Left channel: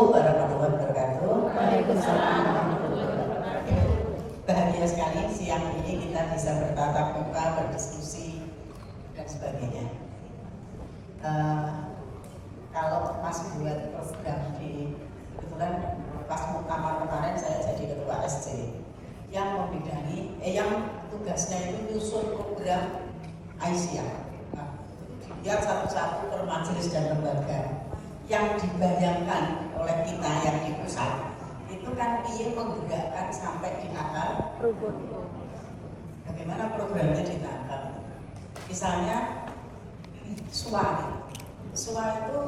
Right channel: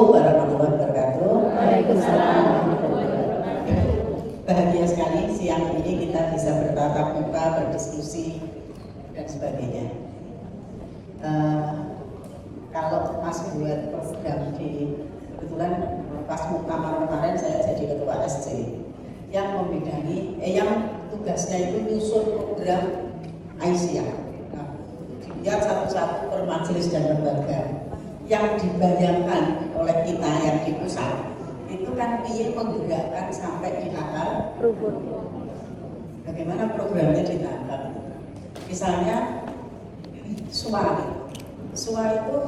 Assalamualaikum warahmatullahi wabarakatuh. Bahagia sekali siang ini kita bisa bertatap muka, berdiskusi dan sebagainya. Kalau Mas buat program di kebetulan pas muktamar kemarin saya jadi ketua SC yang membidangi, yang tugasnya itu nyusun program Aisyah. Dia satu-satu per majelis dan lembaga yang dibayangkan oleh kita yang di pusat itu kan ingin menggerakkan sampai di akar. Bagaimana programnya ditangkap? Misalnya suara itu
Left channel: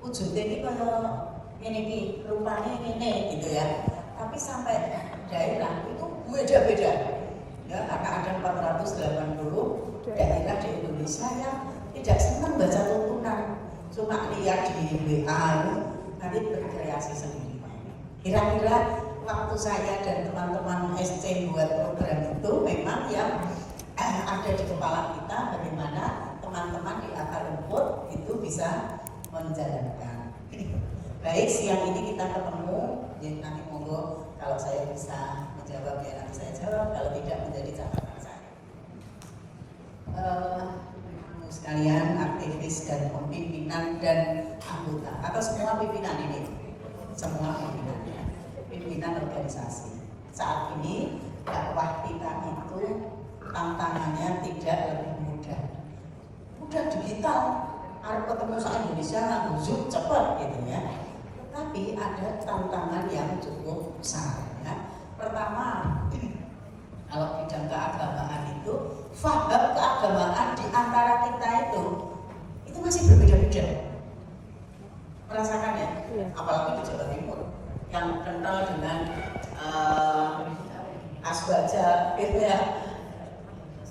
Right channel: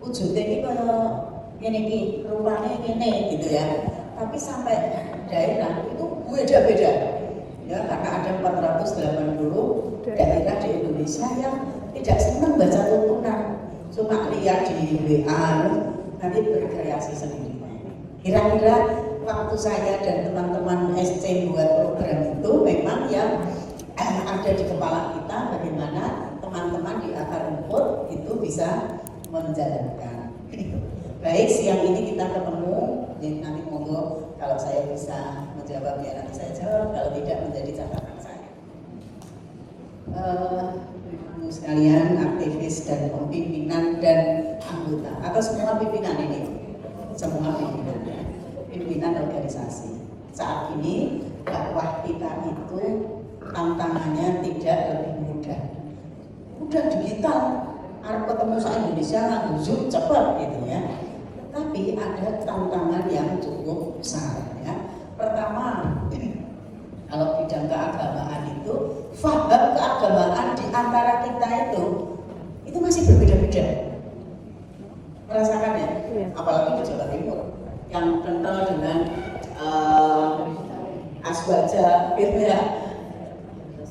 wujudnya ini kalau ini rupanya ini gitu ya. Tapi sampai daerah itu beda-beda. Ya, karena ada 480 daerah di Indonesia yang tidak senang baca tuntunan, cuma lihat di WA, nanti berkreasi sendiri. Kira-kira waktu saya dan teman-teman SC buat program itu memang yang ada di kepala kita, bagaimana teman-teman di akar rumput itu bisa menjalankan. Baik, siang ini kita ketemu, jadi nanti monggo kalau saya bisa menjawabnya nanti saya jawab, kalau tidak menjadi catatan saya. Ibu sekalian, aktivis dan pimpinan dan anggota atau semua pimpinan ini, semua pimpinan ya, pimpinan organisasi. Saat ini dakwah kita itu tantangannya tidak lebih mudah. Udah digital, harus ketemu se Indonesia nggak Zoom cepat gitu ya. Tapi ada tantangan yang cukup besar ya. Pertama, kalau bidang keagamaan itu, faham keagamaan di antara kita itu masih berbeda-beda. Merasakan ya? Apalagi di Jawa Timur yang kental dengan asbaja gitu ya.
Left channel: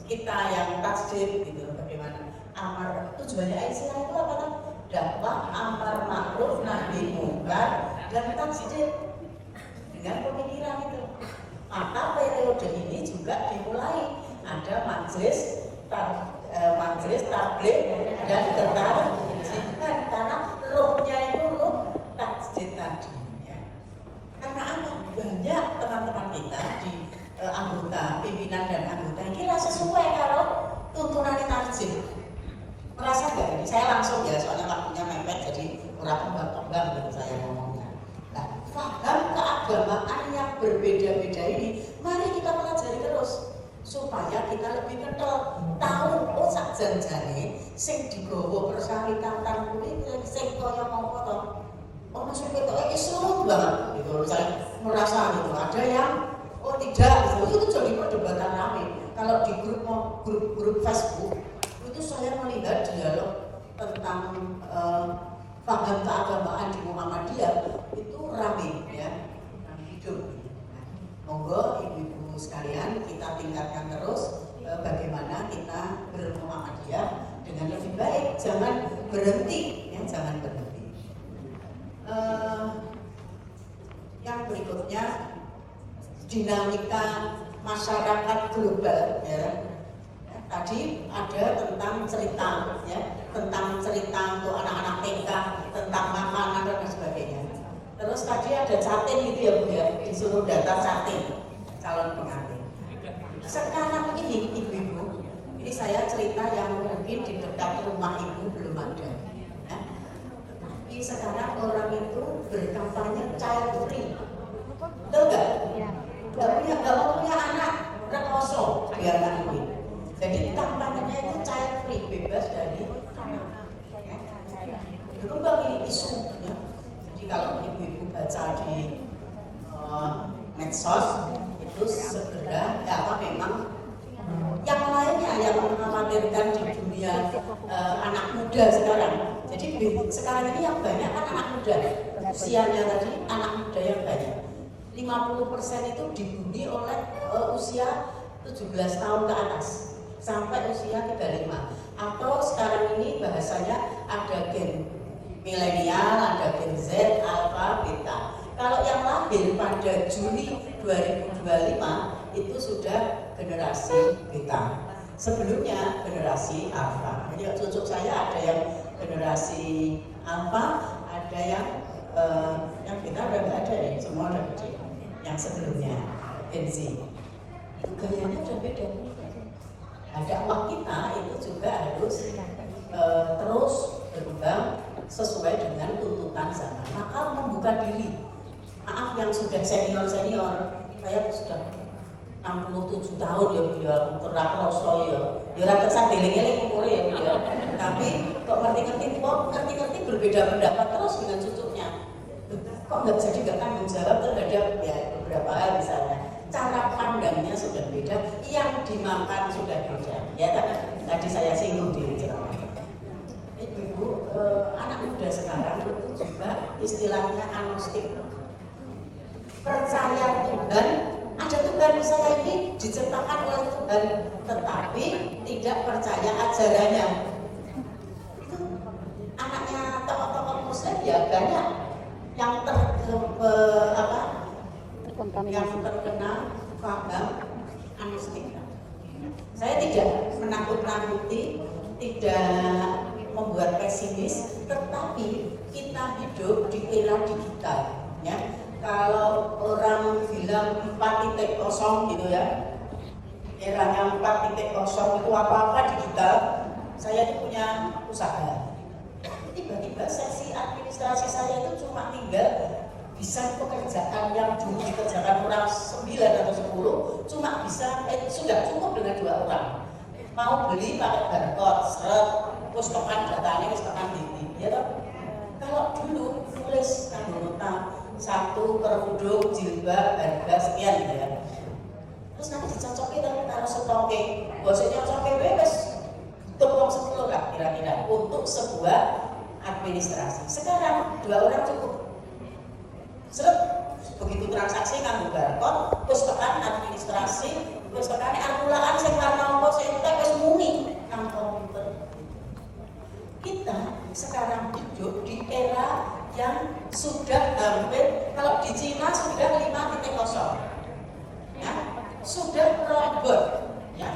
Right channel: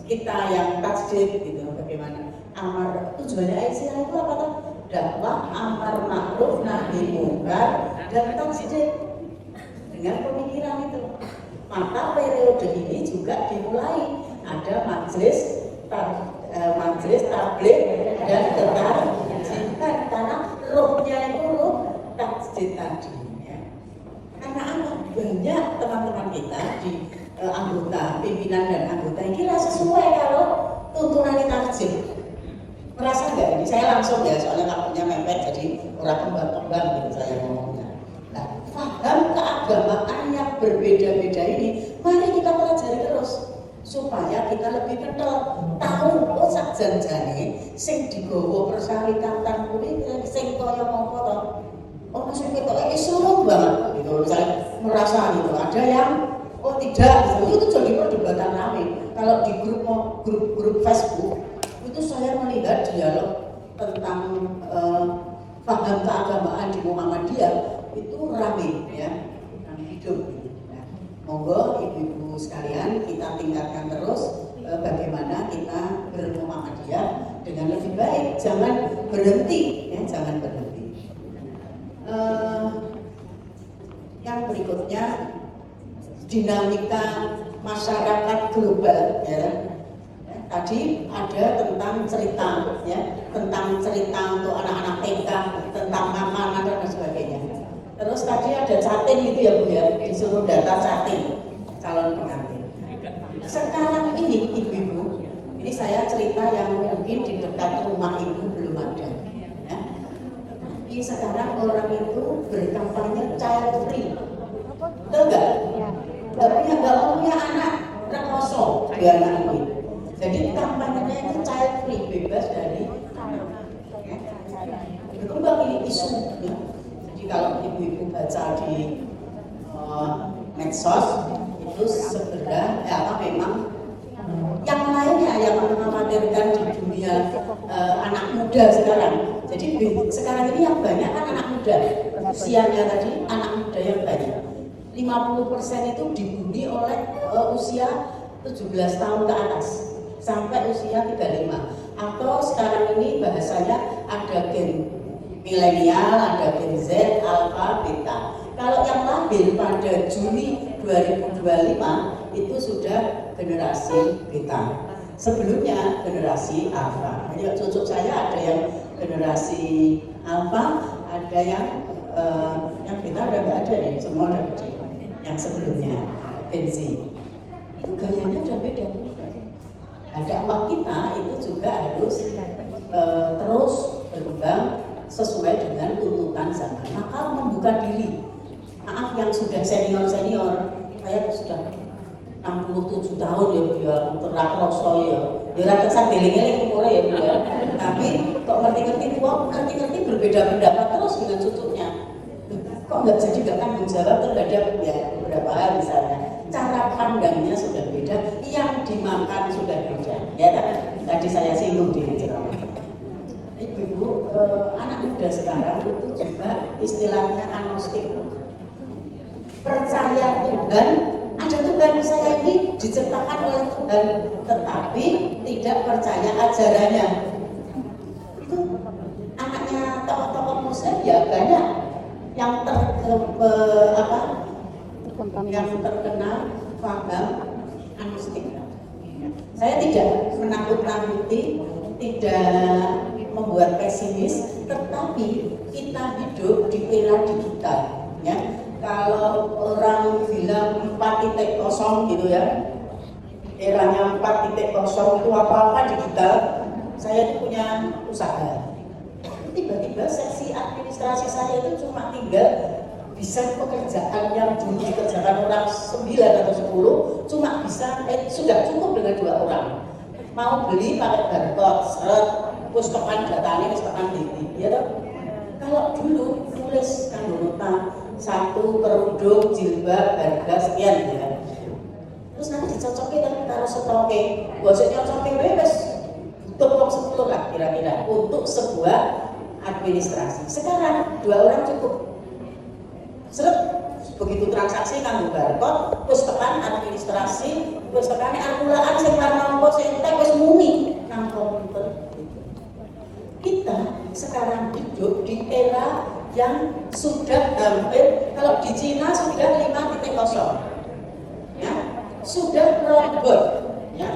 Kita yang tasdid gitu, bagaimana? Amar tujuannya Aisyah itu apa tuh? Dakwah amar ma'ruf nahi munkar dan tasdid dengan pemikiran itu. Maka periode ini juga dimulai ada majelis tabligh dan ketarjihan karena ruhnya itu ruh tasdid tadi ya. Karena banyak teman-teman kita di anggota, pimpinan dan anggota ini rasa sesuai kalau tuntunan tasdid. Merasa nggak ini? Saya langsung ya, soalnya waktunya mepet jadi orang kembang-kembang gitu saya ngomongnya. Nah, paham keagamaan yang berbeda-beda ini, mari kita pelajari terus supaya kita lebih kental, tahu oh sak janjane sing digawa persyarikatan kuwi sing kaya ngopo to. Oh maksud kita suruh banget gitu. Saya merasa gitu. Ada yang oh tidak, itu jadi perdebatan ramai. Kalau di grup Facebook itu saya melihat dialog tentang paham keagamaan di Muhammadiyah itu ramai ya, ramai hidup. Nah, monggo ibu-ibu sekalian kita tingkatkan terus bagaimana kita bermuhammadiyah dengan lebih baik, jangan berhenti ya, jangan berhenti. Yang berikutnya dinamika masyarakat global ya. Tadi ada tentang cerita ya, tentang cerita untuk anak-anak TK, tentang makanan dan sebagainya. Terus tadi ada catin itu ya Bu ya, disuruh data catin calon pengantin. Sekarang ini ibu-ibu, ini saya cerita yang mungkin di dekat rumah ibu belum ada. Ya. Tapi sekarang orang itu berkampanye child free, betul nggak? Nggak punya anak, rekoso biar anak. Jadi kampanyenya itu child free, bebas dari anak. Ya. Berkembang ini isu. Ya. Jadi kalau ibu-ibu baca di medsos itu segera ya memang yang lainnya yang mengkhawatirkan di dunia anak muda sekarang. Jadi sekarang ini yang banyak kan anak muda. Usianya tadi anak muda yang banyak. 50% itu dibully oleh usia 17 tahun ke atas sampai usia 35. Atau sekarang ini bahasanya ada gen milenial, ada gen Z, alpha, beta. Kalau yang lahir pada Juni 2025 itu sudah generasi beta. Sebelumnya generasi alpha. Jadi cucu saya ada yang generasi alpha, ada yang yang kita udah nggak ada nih, semua udah yang sebelumnya Gen-Z itu gayanya udah beda. Nah, dakwah kita itu juga harus terus berkembang sesuai dengan tuntutan zaman. Maka membuka diri. Maaf yang sudah senior, saya sudah 67 tahun ya Bu ya, terak rasa ya. Ya rada sadelingnya nek umure ya Bu ya. Tapi kok ngerti-ngerti ngerti-ngerti berbeda pendapat terus dengan cucunya. Kok nggak jadi nggak tanggung jawab terhadap ya beberapa hal misalnya. Cara pandangnya sudah beda, yang dimakan sudah beda. Ya tadi saya singgung di ceramah. Ibu, anak muda sekarang itu juga istilahnya agnostik. Percaya Tuhan, ada Tuhan saya ini diciptakan oleh Tuhan, tetapi tidak percaya ajarannya. Itu anaknya tokoh-tokoh Muslim ya banyak yang yang terkenal paham agnostik. Saya tidak menakut-nakuti, tidak membuat pesimis, tetapi kita hidup di era digital, ya. Kalau orang bilang 4.0 gitu ya, eranya 4.0 itu apa-apa digital. Saya itu punya usaha. Tiba-tiba seksi administrasi saya itu cuma tinggal bisa pekerjaan yang dulu dikerjakan orang 9 atau 10, cuma bisa sudah cukup dengan 2 orang. Mau beli pakai barcode, seret, terus tekan datanya, terus tekan titik, ya toh? Kalau dulu nulis kan nota 1 kerudung, jilbab, harga sekian gitu kan. Terus nanti dicocokin kan taruh stoke, bahasanya cocokin bebas, butuh 10 lah kira-kira untuk sebuah administrasi. Sekarang 2 orang cukup. Seret, begitu transaksi kan barcode, terus tekan administrasi, terus tekan akulaan sing karena sing teh wis muni nang komputer. Kita sekarang hidup di era yang sudah hampir, kalau di Cina sudah 5.0, ya, sudah robot, ya.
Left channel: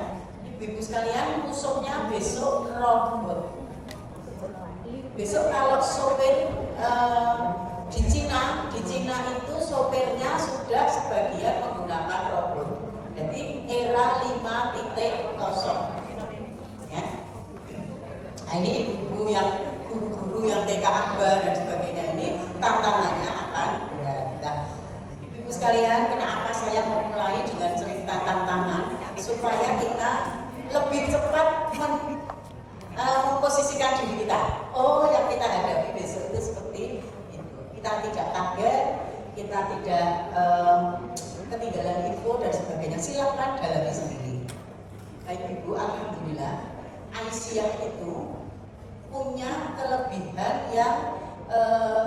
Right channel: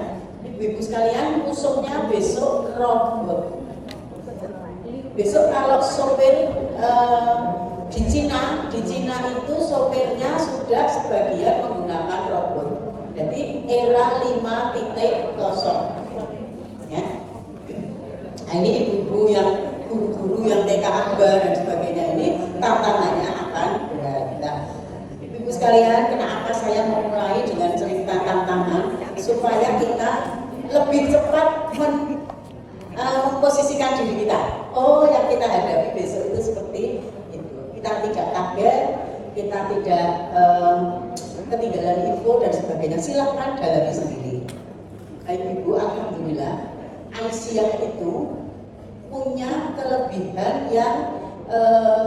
Ibu-ibu sekalian, musuhnya besok robot. Besok kalau sopir di Cina itu sopirnya sudah sebagian menggunakan robot. Jadi era 5.0, ya. Nah, ini ibu-ibu yang guru-guru yang TK Aba dan sebagainya ini tantangannya akan berat. Nah, ibu-ibu sekalian, kenapa saya memulai dengan cerita tantangan supaya kita lebih cepat memposisikan diri kita. Oh, yang kita hadapi besok itu seperti itu. Kita tidak kaget, kita tidak ketinggalan info dan sebagainya. Silakan dalami sendiri. Baik ibu, alhamdulillah. Aisyah itu punya kelebihan yang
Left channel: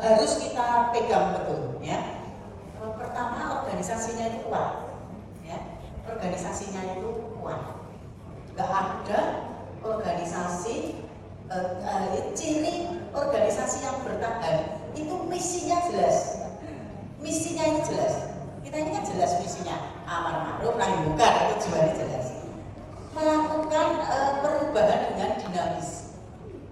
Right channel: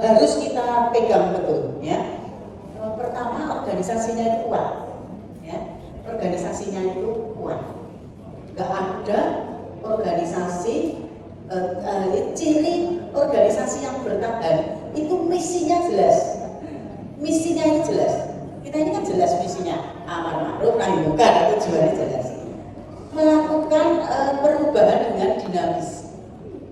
harus kita pegang betul, ya. Pertama, organisasinya itu kuat, ya. Organisasinya itu kuat. Gak ada organisasi ciri organisasi yang bertahan itu misinya jelas. Misinya itu jelas. Kita ini kan jelas misinya, amar ma'ruf nahi munkar, itu tujuannya jelas. Melakukan perubahan dengan dinamis.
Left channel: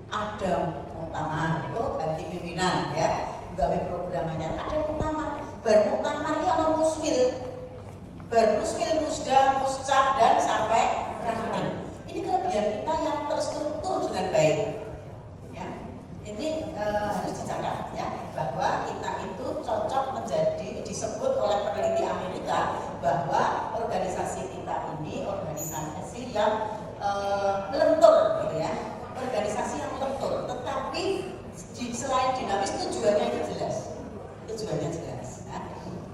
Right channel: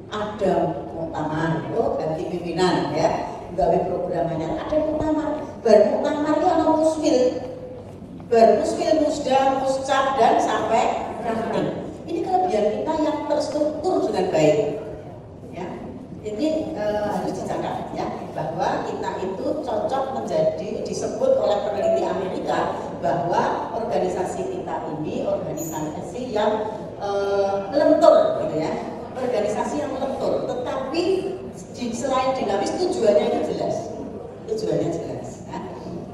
Ada muktamar, ganti pimpinan, ya, gawe programannya. Ada muktamar, bermuktamar itu ada musmil, bermusmil, musda, muscap dan sampai ranting. Ini kelebihan kita yang terstruktur dengan baik, ya. Ini harus dicatat, ya, bahwa kita itu cocok menjadi, disebut oleh peneliti Amerika bahwa organisasi kita ini organisasi yang lentur, gitu ya, organisasi yang lentur. Tetapi selain dinamis, tujuannya itu jelas, tujuannya jelas. Ya.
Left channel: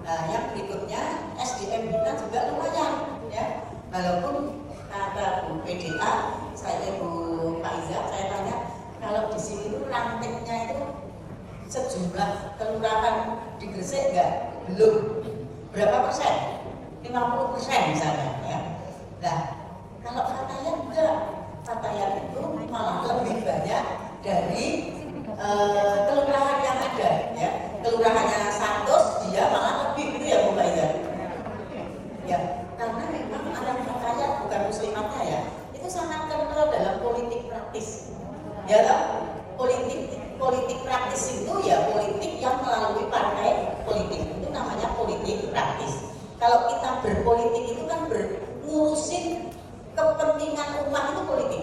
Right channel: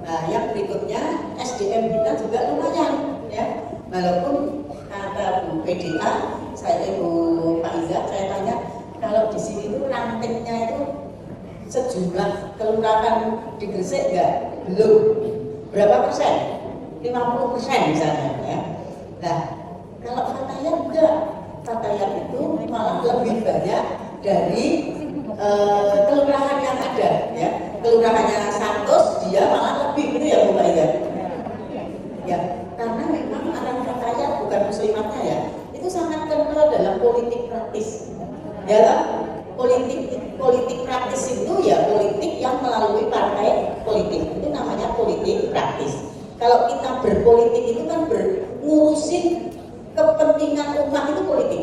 Nah, yang berikutnya SDM kita juga lumayan, ya, walaupun kata Bu PDA, saya Ibu Pak Iza, saya tanya kalau di sini itu rantingnya itu sejumlah kelurahan di Gresik enggak? Belum. Berapa persen? 50% misalnya, ya. Nah, kalau Fatayat enggak, Fatayat itu malah lebih banyak dari kelurahan yang ada, ya. Kelurahannya Santos dia malah lebih, gitu ya Bu Pak Iza. Ya, karena memang orang Fatayat bukan muslimatnya, ya, itu sangat kental dalam politik praktis, ya. Politik praktis itu ya politik yang melalui partai politik, itu namanya politik praktis. Kalau kita berpolitik itu kan ngurusin kepentingan umat, itu politik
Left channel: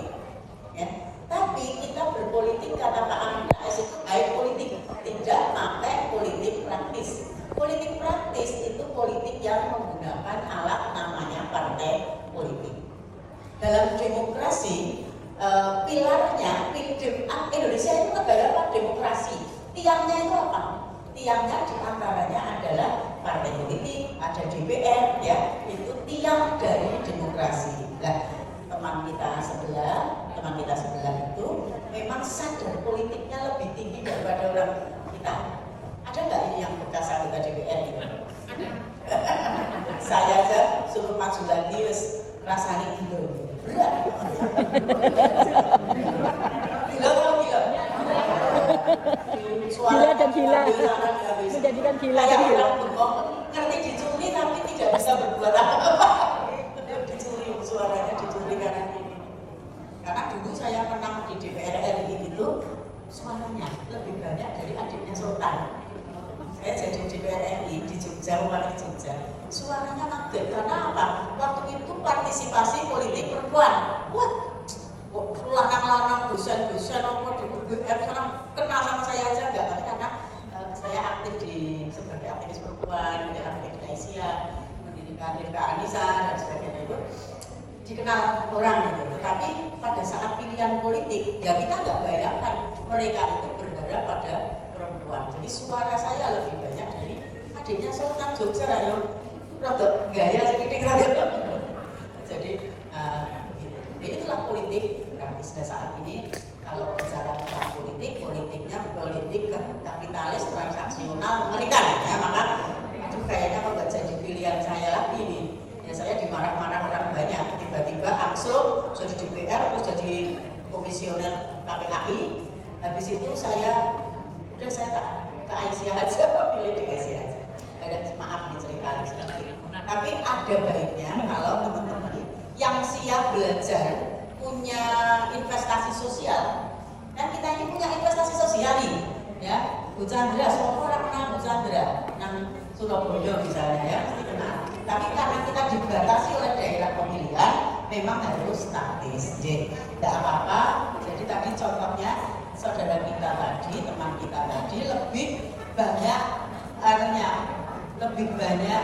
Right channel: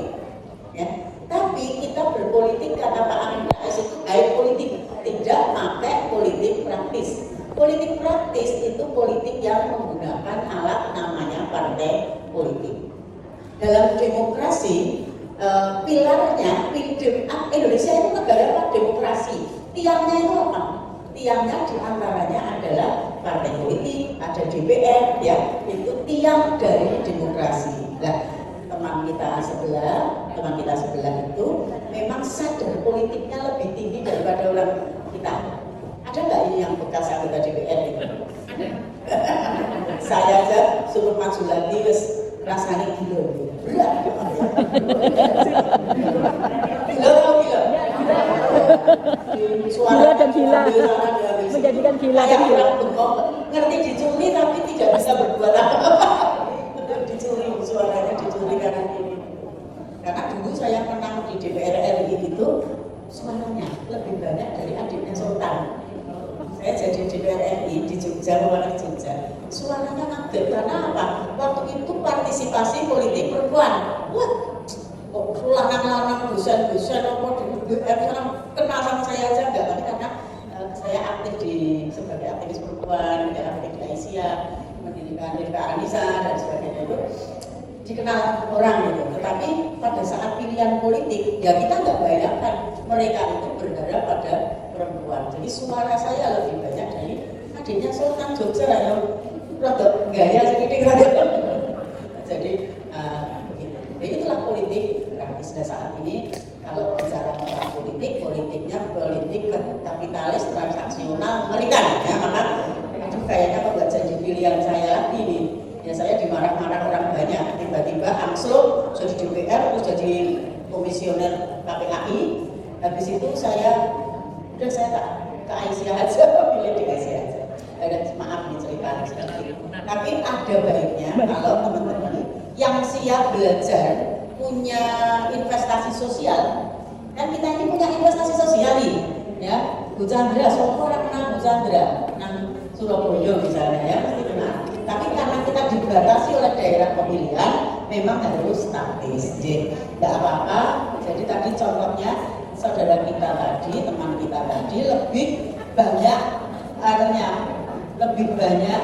ya. Tapi kita berpolitik, kata Pak Amin Rais, itu high politik, tidak pakai politik praktis. Politik praktis itu politik yang menggunakan alat namanya partai politik. Dalam demokrasi, pilarnya, Indonesia itu negara apa? Demokrasi. Tiangnya itu apa? Tiangnya diantaranya adalah partai politik, ada DPR, ya, itu tiang dari demokrasi. Nah, teman kita sebelah itu memang sadar politiknya lebih tinggi daripada orang kita. Ada nggak ini yang bekas anggota DPR itu? Ada. Saya aja suruh maju lagi, rasanya gila. Berat. Gila dan gila, menjadikan gila dan gila. Ngerti dicuri tapi tidak bisa berbuat apa-apa. Dicuri, suaranya dicuri karena ini. Karena dulu saya menang di DPR RI itu suaranya lebih banyak dari adiknya Sultan. Saya jadi DPR RI di Jogja, warna Jogja. Suaranya kaget karena apa? Waktu itu partisipasi politik perempuan. Wah, lanang-lanang dosen-dosen di DPR kenal sama saya aja enggak, tapi karena saya aktif sebagai aktivis perempuan, aktif di Aisyah, mendirikan Rifka Anissa dan sebagainya itu dikenal orang gitu. Tetapi pada saat pilihan politik, ya kita nggak bayangkan mereka itu berharap pada perempuan. Jadi suara saya lebih banyak dari adiknya Sultan Jogja yang rada gaya sedikit rada. Jadi begitu. Jadi itulah politik. Karena saat ini kalau bicara tentang politiknya politik kapitalis transaksional Amerika, ya maka itu kayaknya kok nggak jadi pilihan saya lagi nih. Ya saya dimarah-marah orang banyak, tiba-tiba angslung jadi DPR terus jadi komisioner KPAI. Habis itu saya tak ke Aisyah aja, pilih di Aisyah aja. Maaf nih ceritanya sedikit. Tapi ada baiknya kalau teman-teman yang siap belajar, punya investasi sosial, kan kita ini punya investasi sosial nih, ya. Bu Chandra, siapa orang kenal Bu Chandra? Surabaya misalnya, ya, pasti kenal. Tapi karena kita dibatasi oleh daerah pemilihan, memang harus taktis. Jadi tidak apa-apa. Jadi tadi contohnya saudara kita tadi, teman kita tadi lebih banyak lebih banyak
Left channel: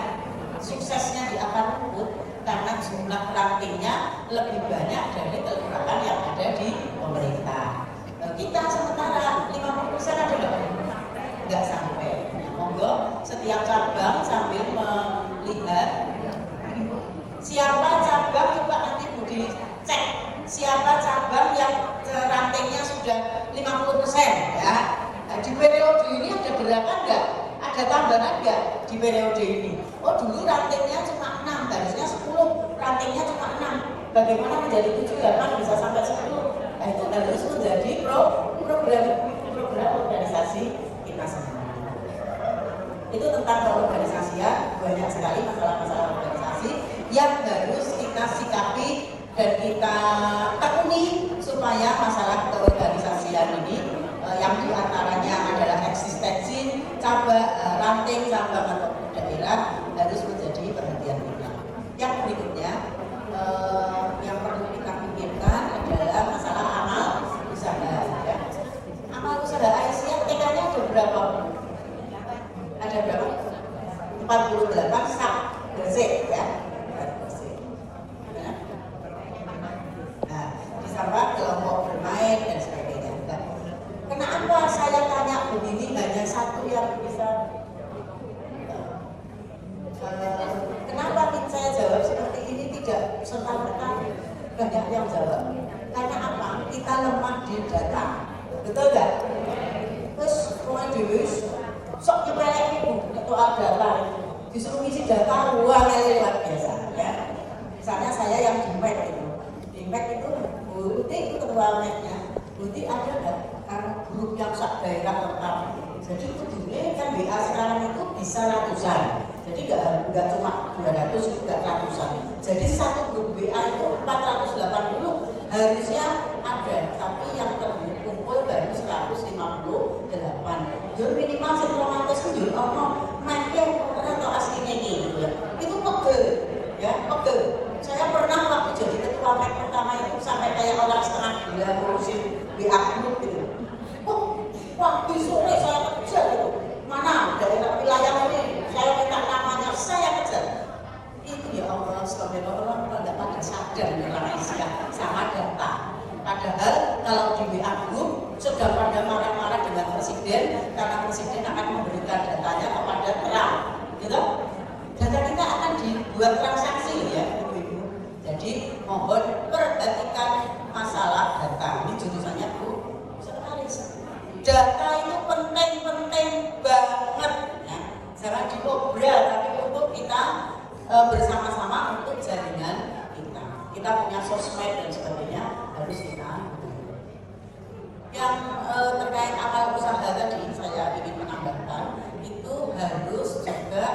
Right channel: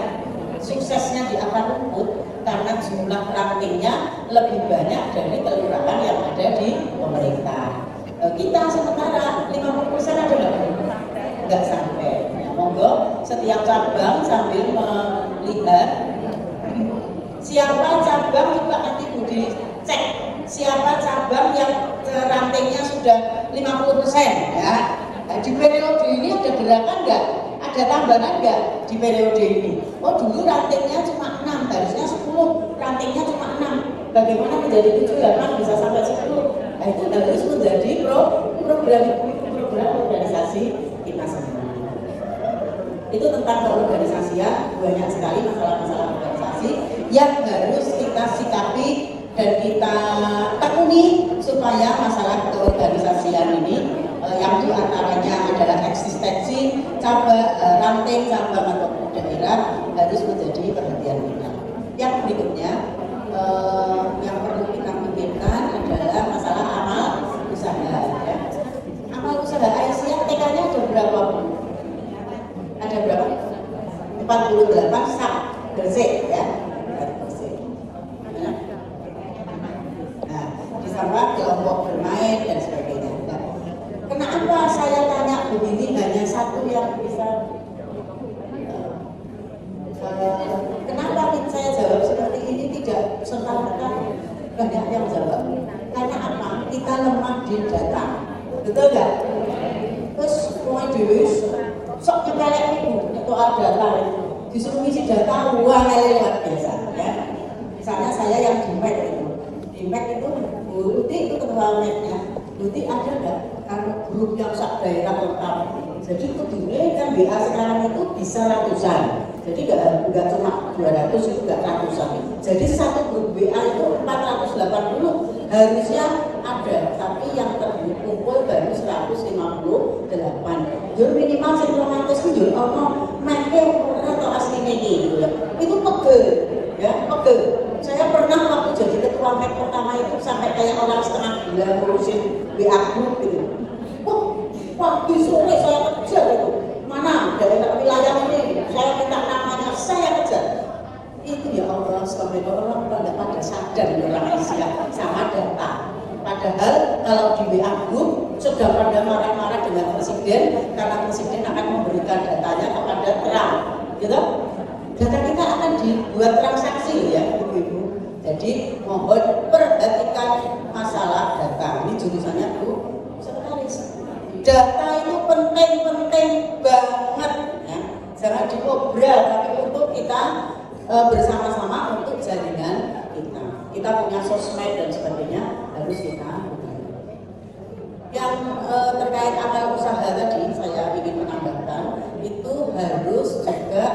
suksesnya di akar rumput karena jumlah rankingnya lebih banyak dari kelurahan yang ada di pemerintah. Kita sementara 50% ada nggak sampai. Ya, monggo setiap cabang sambil melihat siapa cabang, coba nanti Budi cek siapa cabang yang rankingnya sudah 50%, ya. Nah, di periode ini ada gerakan nggak? Ada tambahan nggak di periode ini? Oh dulu rankingnya cuma 6, harusnya 10, rankingnya cuma 6. Bagaimana menjadi 7, 8 bisa sampai 10? Nah, itu harus menjadi program organisasi kita semua. Itu tentang keorganisasian, banyak sekali masalah-masalah organisasi yang harus kita sikapi dan kita tekuni supaya masalah keorganisasian ini yang diantaranya adalah eksistensi ranting cabang ataupun daerah harus menjadi perhatian kita. Yang berikutnya yang perlu kita pikirkan adalah masalah amal usaha. Ya. Amal usaha Aisyah TK-nya ada berapa? Ada berapa? 48 sak bersih, ya. Nah, ditambah kelompok bermain dan sebagainya. Nah, kenapa saya tanya begini hanya satu yang bisa? Kenapa saya jawab seperti ini tidak serta-merta banyak yang jawab? Karena apa? Kita lemah di data, betul nggak? Terus mulai dewi sok nyepelek itu soal data, disuruh ngisi data luar lewat biasa, ya. Misalnya saya yang di MEK itu, Budi itu ketua MEK-nya, Budi ada nggak? Karena grup yang sak daerah lengkap. Jadi kedua kan BA sekarang itu bisa ratusan. Jadi nggak cuma 200, itu nggak ratusan. Jadi satu grup BA itu 480, harusnya ada, tapi yang terkumpul baru 158. Jur minimal 100 itu jur make atau aslinya gitu ya. Itu pegel, ya pegel. Saya pernah waktu jadi ketua PEK pertama itu sampai kayak orang setengah gila ngurusin WA group gitu. Wah, pagi sore saya kejar itu. Mana daerah wilayah ini, saya minta namanya, saya kejar. Itu ya Allah, sebagai orang tidak ada sadar di orang Asia sama data. Padahal kalau di WA group sudah pada marah-marah dengan presiden karena presiden akan memberikan datanya kepada Trump, gitu. Data kita akan dibuat transaksi ya, ibu-ibu. Jadi mohon perhatikan masalah data. Ini jurusannya Bu Sekretaris. Data itu penting banget, ya. Jangan diobral, tapi untuk kita bersama-sama untuk jaringan kita. Kita punya sosmed dan sebagainya harus kita. Yang terkait amal usaha tadi saya ingin menambahkan itu harus juga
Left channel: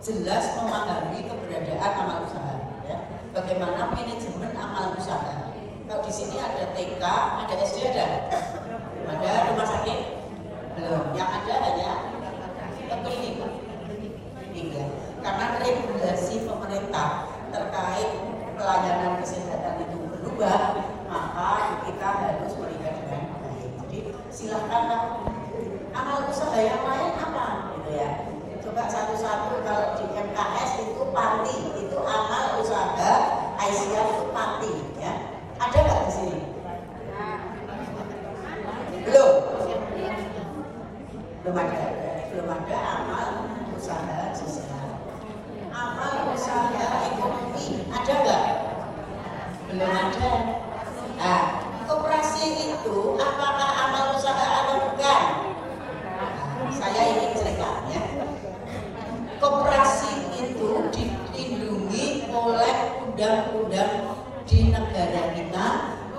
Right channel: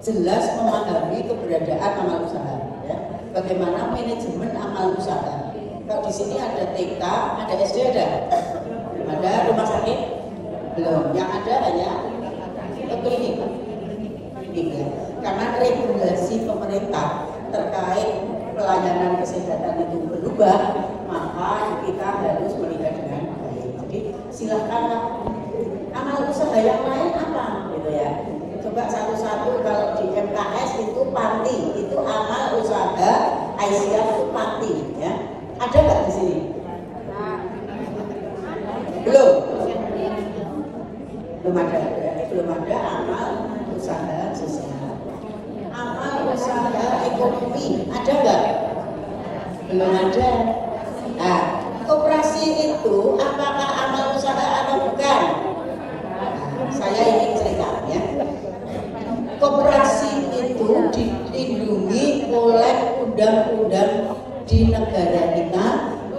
jelas memahami keberadaan amal usaha. Ya. Bagaimana manajemen amal usaha? Kalau di sini ada TK, ada SD, ada rumah sakit belum. Yang ada hanya klinik. Ya. Karena regulasi pemerintah terkait pelayanan kesehatan itu berubah, maka kita harus melihat dengan baik. Jadi silakanlah amal usaha yang lain apa, gitu ya. Coba satu-satu. Kalau di MKS itu panti, itu amal usaha Aisyah itu panti, ya. Ada nggak di sini? Belum ada amal usaha sosial. Amal usaha ekonomi ada nggak? Belum ada. Nah, koperasi itu apakah amal usaha atau bukan? Saya ingin cerita ya. Koperasi itu dilindungi oleh undang-undang di negara kita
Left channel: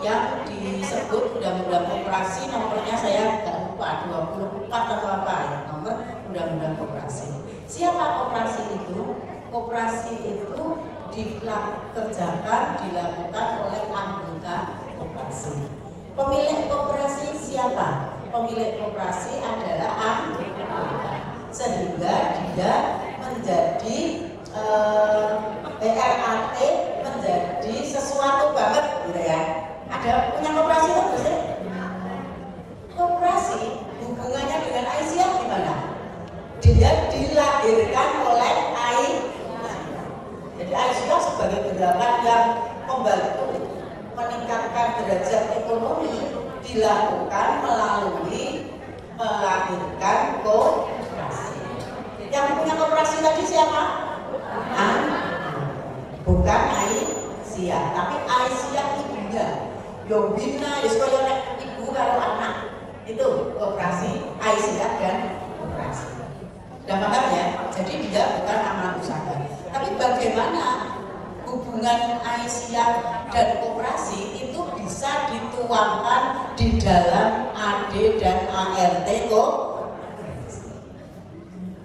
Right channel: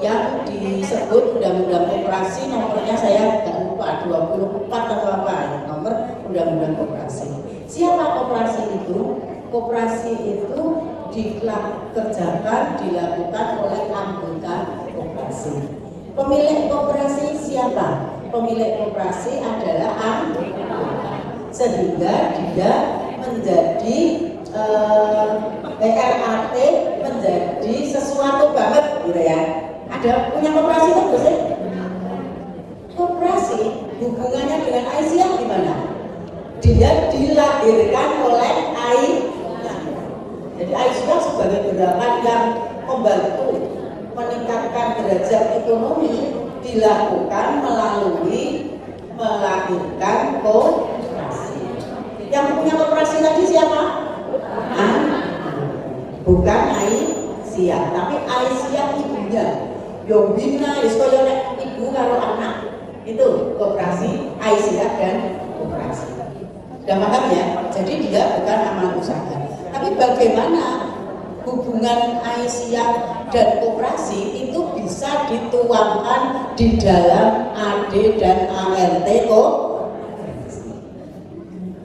yang disebut Undang-Undang Koperasi, nomornya saya nggak lupa 24 atau apa ya, nomor Undang-Undang Koperasi. Siapa koperasi itu? Koperasi itu dilakukan oleh anggota koperasi. Pemilik koperasi siapa? Pemilik koperasi adalah anggota. Sehingga dia menjadi PRAT menjadi sesuatu banget gitu ya. Ada punya koperasi itu biasanya. Koperasi hubungannya dengan Aisyah gimana? Dia dilahirkan oleh Aisyah. Jadi Aisyah sebagai gerakan yang membantu meningkatkan derajat ekonomi dilakukan melalui melahirkan koperasi. Yang punya koperasi tadi siapa? Bukan Aisyah, tapi Aisyah ibunya. Yombina, iskoyo ibu karo anak. Itu koperasi Aisyah dan koperasi. Sudah paham ya? Jadi dia bukan amal usaha. Tapi bagaimana hubungan Aisyah dan koperasi itu bisa dituangkan di dalam AD dan ART koperasi.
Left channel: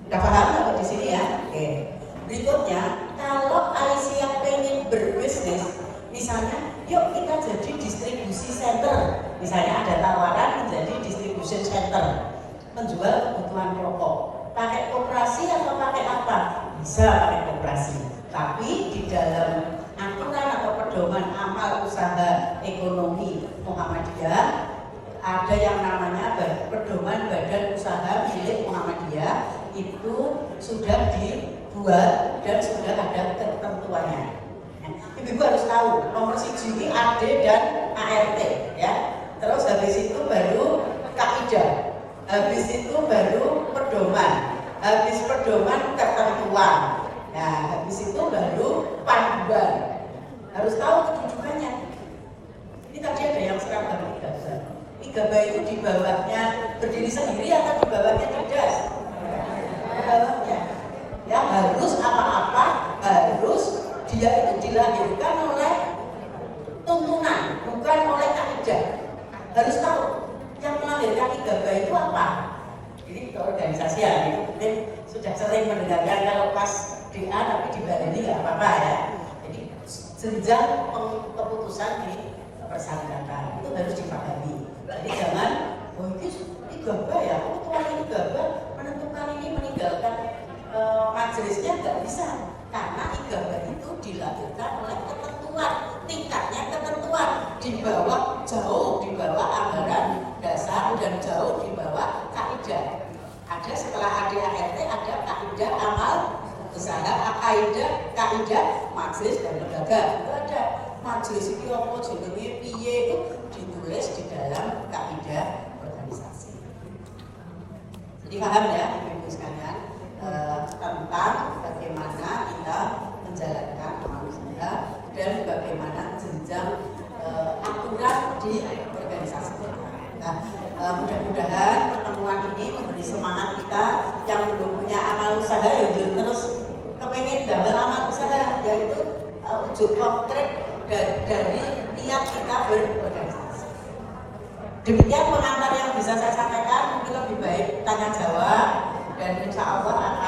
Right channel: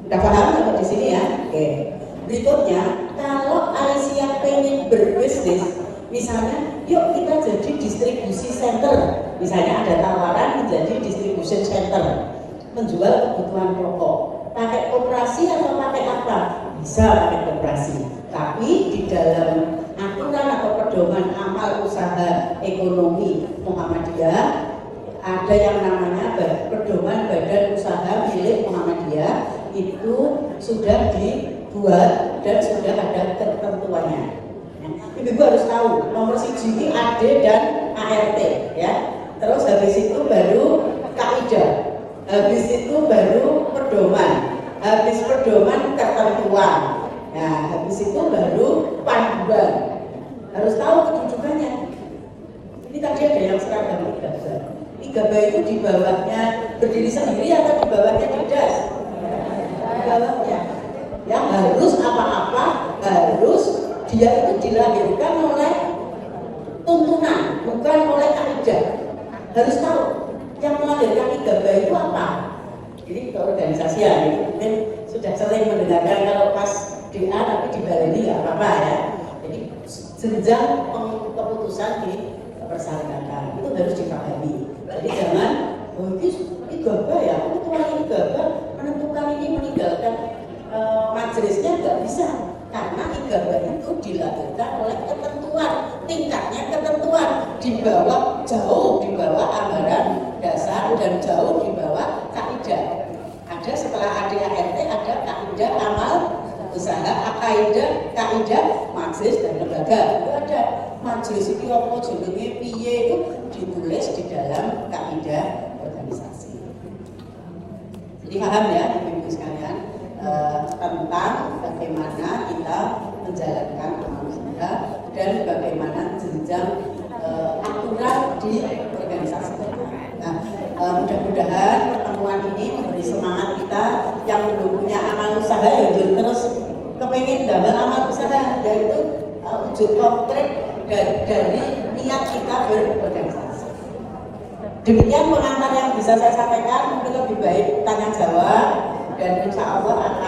Sudah paham di sini ya? Oke. Berikutnya, kalau Aisyah pengen berbisnis, misalnya, yuk kita jadi distribusi center. Misalnya ada tawaran menjadi distribution center, menjual kebutuhan pokok. Pakai koperasi atau pakai apa? Bisa pakai koperasi. Tapi di dalam aturan atau pedoman amal usaha ekonomi Muhammadiyah ada yang namanya pedoman badan usaha milik Muhammadiyah, itu sudah dibuat dan sudah ada ketentuannya. Ibu harus tahu nomor siji ini AD dan ART ya. Terus habis itu baru kaidah, habis itu baru pedoman, habis pedoman ketentuan. Nah, habis itu baru panduan. Harus tahu kedudukannya. Ini tadi ada yang seragam IGB itu di bawahnya berdiri sendiri atau di bawahnya didas? Di bawahnya. Ya harus apa-apa harus dia itu dilahirkan oleh tuntunan, bukan oleh kaidah. Harus tahu yang melahirkan IGB itu apa. Ini keorganisasian itu mungkin sudah sering mendengarkan kalau pas DA tapi di Bali ini nggak apa-apa ya. Jadi jenjang keputusan di persyaratan itu harus dipahami. Jadi jangan ini gabah ya, ketua ini gabah menentukan ini meninggalkan majelisnya nggak bisa, karena igabah itu dilakukan oleh ketentuan, tingkatnya ketentuan jauh di bawah anggaran dasar dan jauh di bawah kaidah. Ada setelah ADART ada kaidah amal usaha, kaidah majelis dan lembaga. Itu ada majelis itu apa jenenge piye itu ditulis di dalam kaidah organisasi. Jadi paham ya ibu-ibu sekalian tentang bagaimana kita menjalankan amal usaha dan bagaimana jenjang aturan di organisasi. Nah, mudah-mudahan pertemuan ini memberi semangat kita yang punya amal usaha ya terus kepengen dalam amal usaha, yaitu wujud konkret dari niat kita berorganisasi. Demikian pengantar yang bisa saya sampaikan, mungkin lebih baik tanya jawab dan insya Allah akan